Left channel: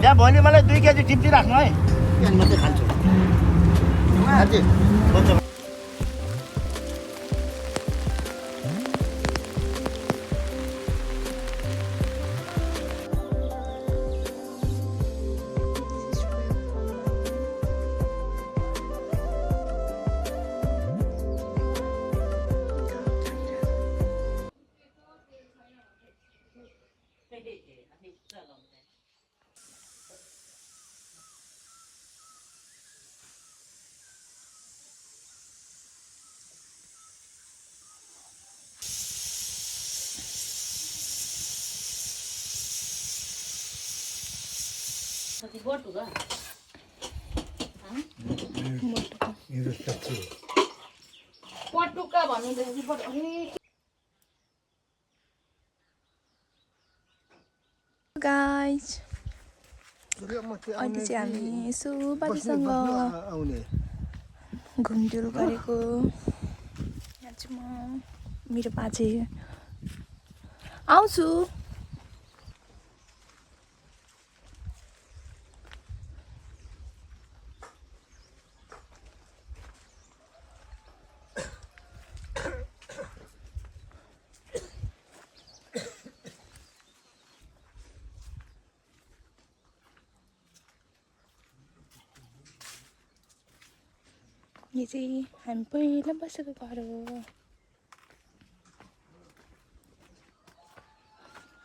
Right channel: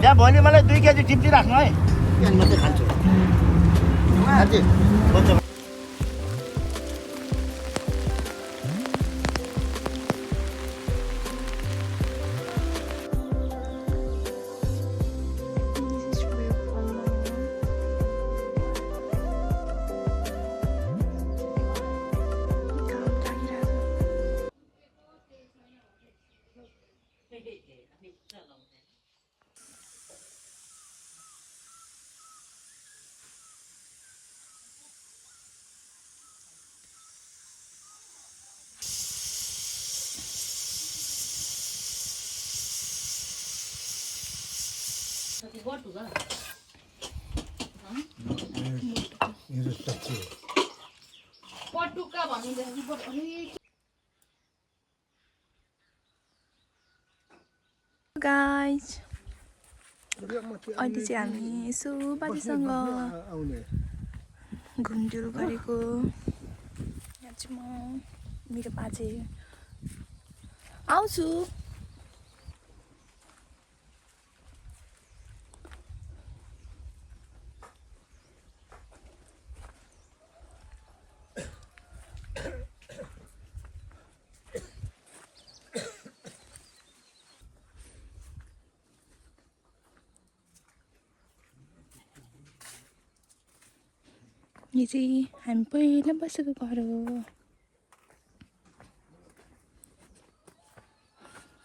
त्यहाँ भोलि मलाई 2 केजी टिप्टी राख्नु है म चाहिँ खान्छु साँच्चै बच्चा गाइज अहिले चाहिँ हामी यसो बाजेसँग घुमडुल गरेको यहाँ चाहिँ म मेरो बाजे आउँछु यो चाहिँ हामी पहिला बसेको घर हो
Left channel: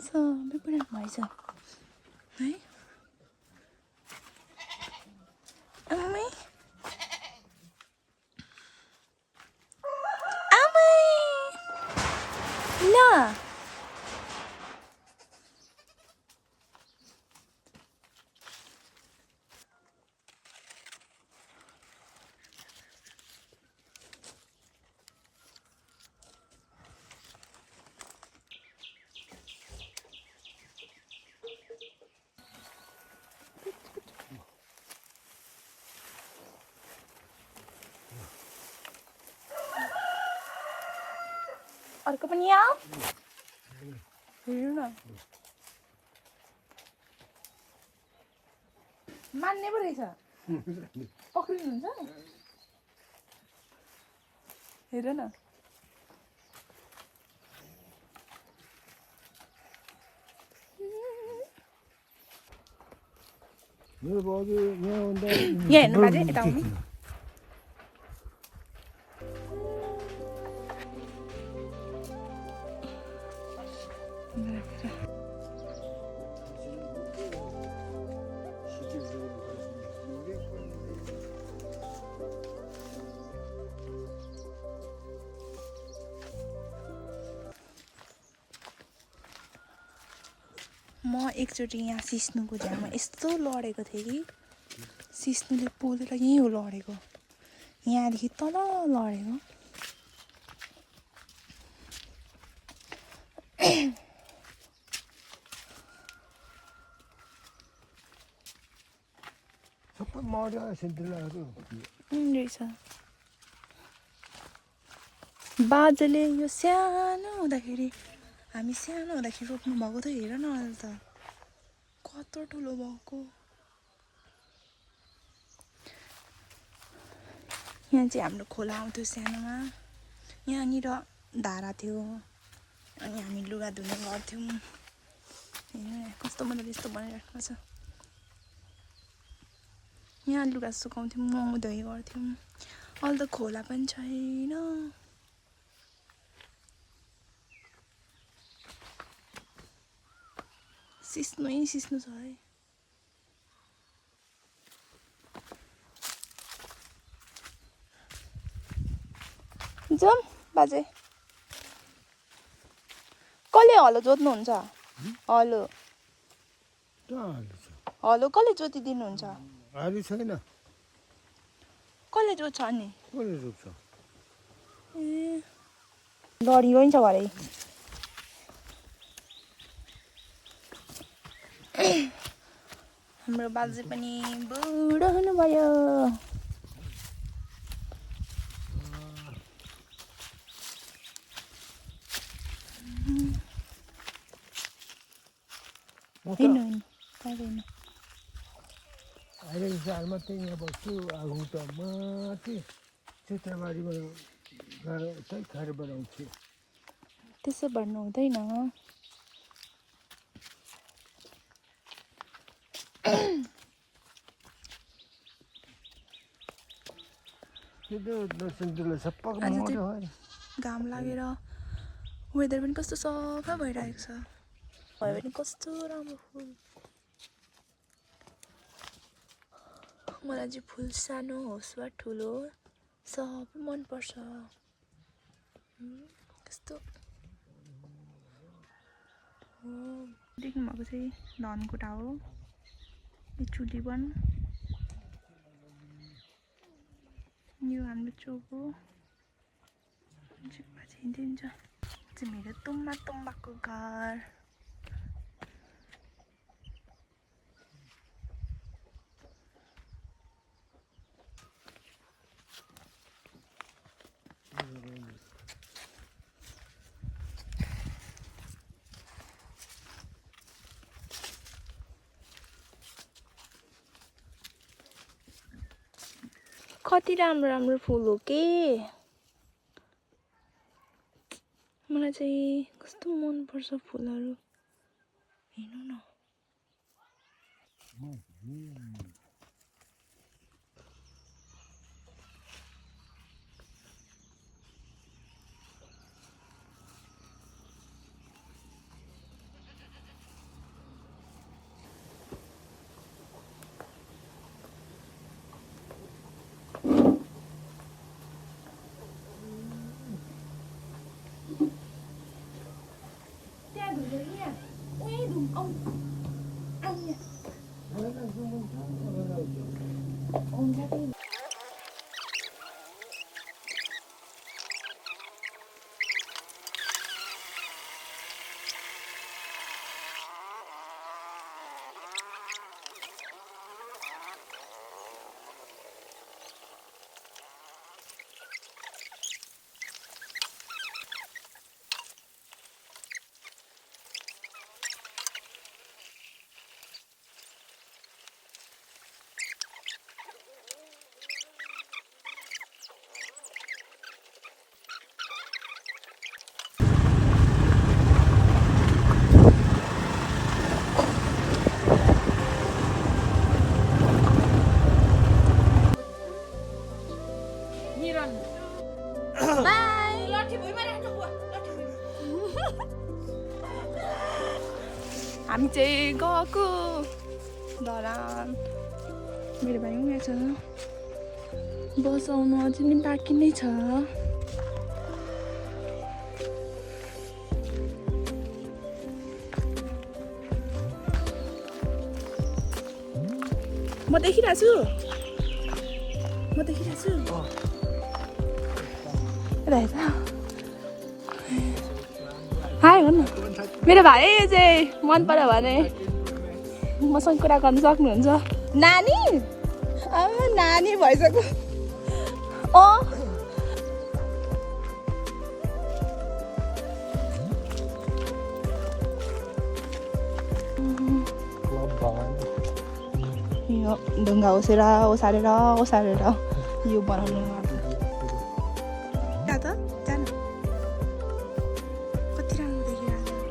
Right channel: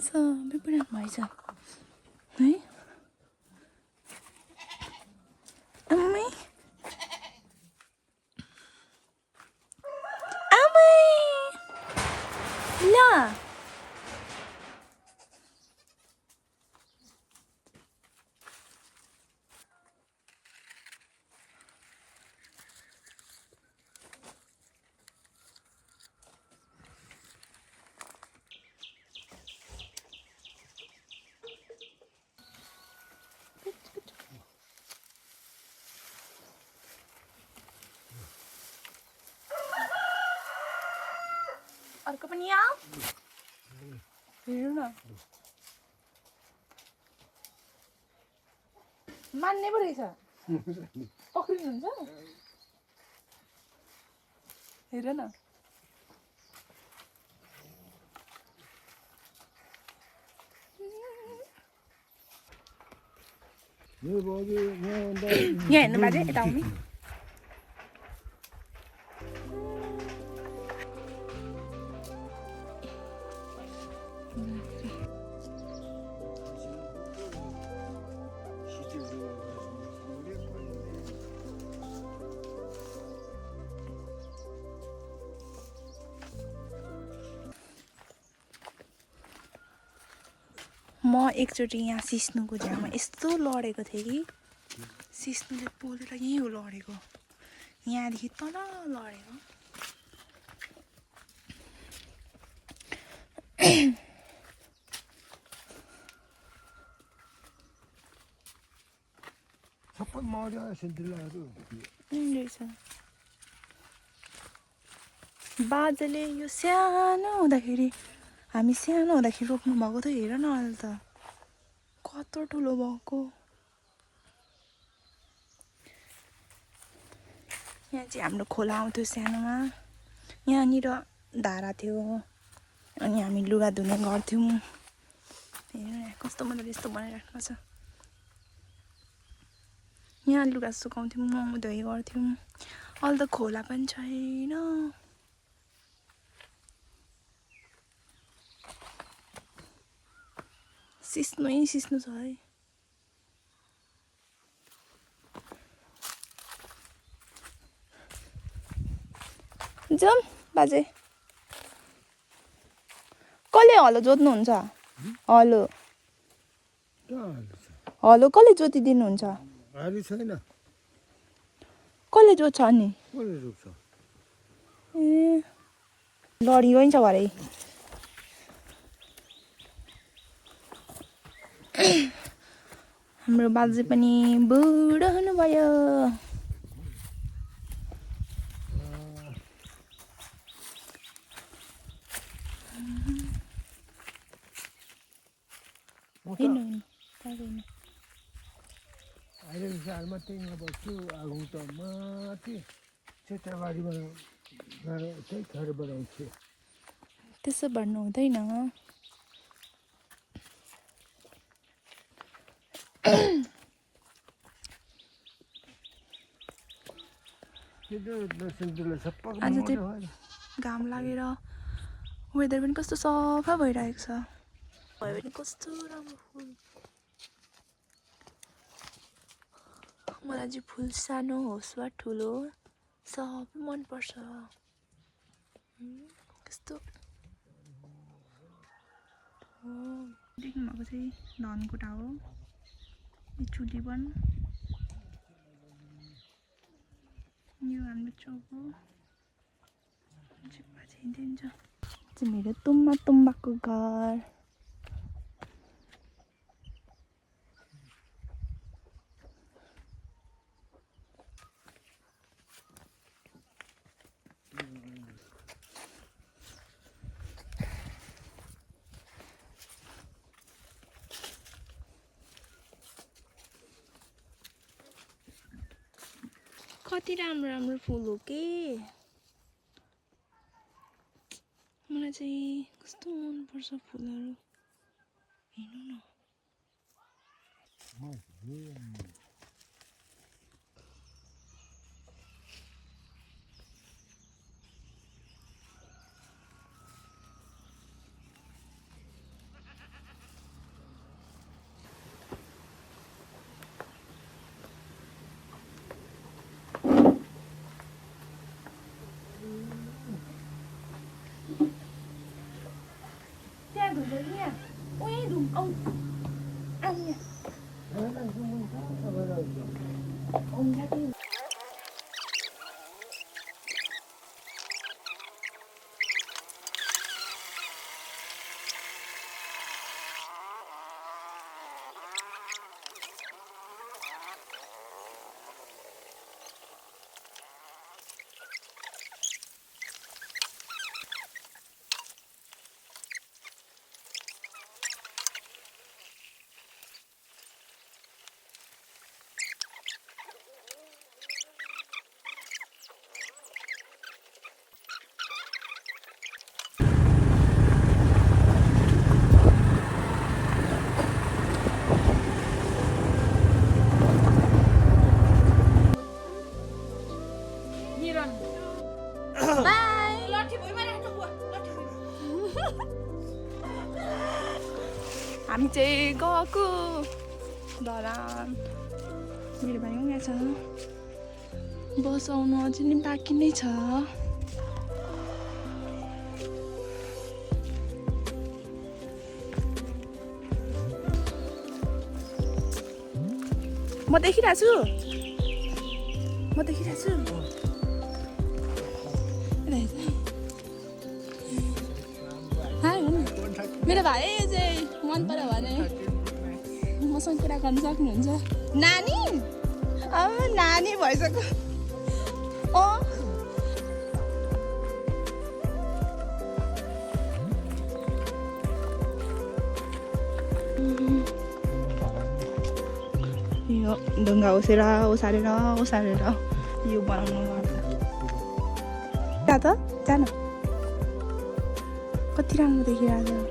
सबै पुरा भएछ आमै आमै ल अर्को पनि आऊ हेर्नु न मान्ने पो रहेछ पक्रिनुहुन्छ हेर न यहाँ हेर्नु बाजे यता आउनु म एकचोटि यहाँ सिस्नुको झ्यामा यस्तो लडेको थिएँ कि सिस्नुले पोलेर यहीँ हो लडेको यहाँदेखि तल लडेको रहेछ बाजेले यो सानो हुँदाखेरि हामी सानो हुँदाखेरि रोप्नु भएको थियो हेर न अहिले त कत्रो ठुलो भएको यहाँ चाहिँ हाम्रो खोला आउँथ्यो सानोमा यहाँनिर धारा थियो अनि हामी लुगा धुने गर्थ्यौँ हेर कस्तो मजाले यस्तो बनाइराख्नु छ यहाँ लुगा सुकाउँथ्यौँ मोमो धोइ गर्थ्यौँ अहिले त खोला पनि छैन सिस्नु छ है जाम बाजे कसले हलो जोत्नुहुन्छ हलो हलो कसले जोतिदिनुहुन्छ छैन कसले जोत्छ अनि कसले रोप्छ ए लडी पनि छ भरे हाम्रो बाजे पनि बुढो हुनुभयो। हेर्नु पर्दैन। अहिले जालमा चाहिँ यहाँ बस्छु आगो त माथि क्षेत्रबारीबाट गएर चाहिँ खाएर बनाउँछु। त्यसो भन्नु हुँदैन। आज चाहिँ घाम लागेर वेदर पनि कस्तो सफा भइरहेको छ। भयो भने कस्तो राम्रो फुल। मलाई चाहिँ फुल सानो होस् वा ठुलो सबै मनपर्छ। कस्तो देख्नुभएको चाहिँ धनकुटा हो। यो चुलीवन, यो हाम्रो चोक हो। चाहिँ मेरो तुम्बाको घर। कति राम्रो राम्रो फुल हो के। मलाई चाहिँ कस्तो मनपर्छ फुलहरू। हेर्नु न। हामी चाहिँ गएको धरान। मेरो भाइ पनि यहाँ छ। बस आउनु अझै नि बाँकी नै छ। म देखिरहेको छु। रहेछ। हाई भन्नु। मेरो भाइ चाहिँ मन पर्यो भने मसँग कुरा गर्न सक्नुहुन्छ। नानी नानी भइसक्यो। यो ढुङ्गा ओसारेर यो बनाउनु जा त जान। कति राम्रो देखिरहेको